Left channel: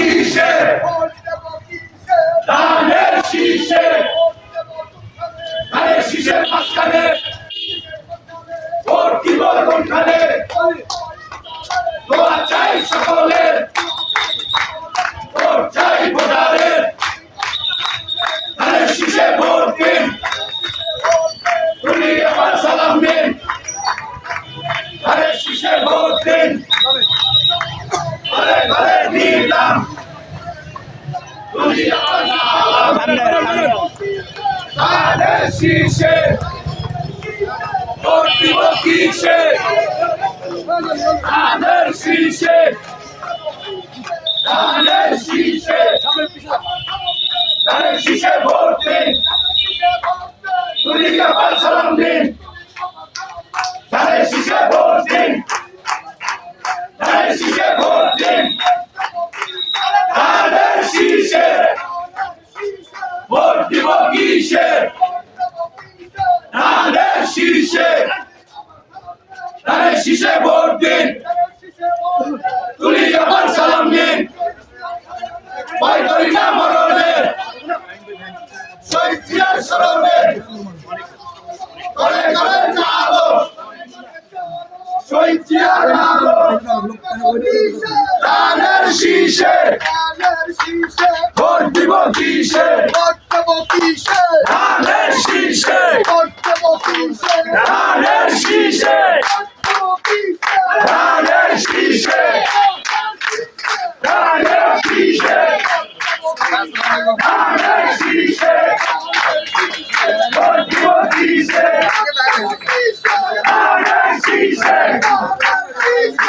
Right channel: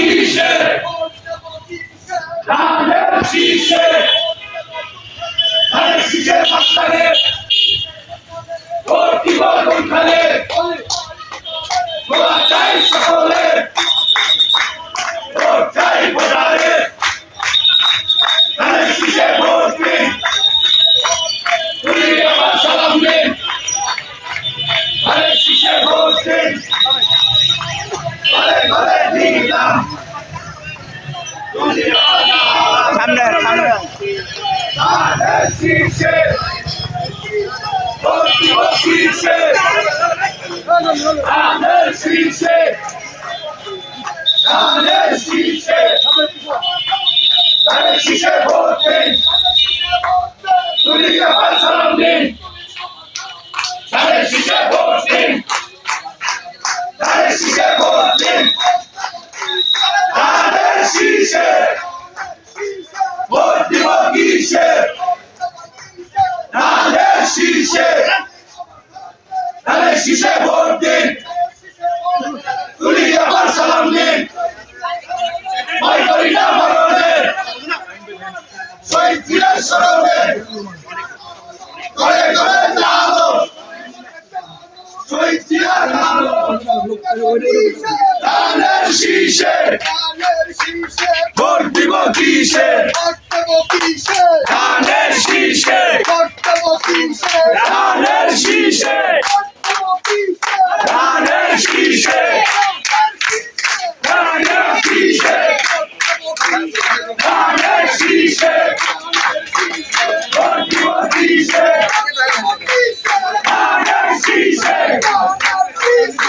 কিসে ধানের শীষে ধানের শীষের মাঝখানে ভোট দিব কোনখানে দোয়া চাই সকলে ভোট চাই ভোটারে ধানের শীষে ভোট দিন তুলি আমার সালাম দিন ধানের শীষে ভোট দিন ঘরে ঘরে দিলাম তুলি আমার সালাম ধানের শীষে ভোট দিব কিসে ধানের শীষে ধানের শীষে ধানের শীষে ভোট দিন তুলি আমার সালাম দিন ধানের শীষে ভোট দিন ধানের শীষে ভোট দিন ধানের শীষে ভোট দিব কিসে ধানের শীষে ধানের শীষে ভোট দিন তুলি আমার সালাম দিন ভয় করি না মরণে শহীদ জিয়ার স্মরণে করে করে আলো শহীদ জিয়ার আলো ধানের শীষে ভোট দিব কিসে ধানের শীষে ধানের শীষে ধানের শীষে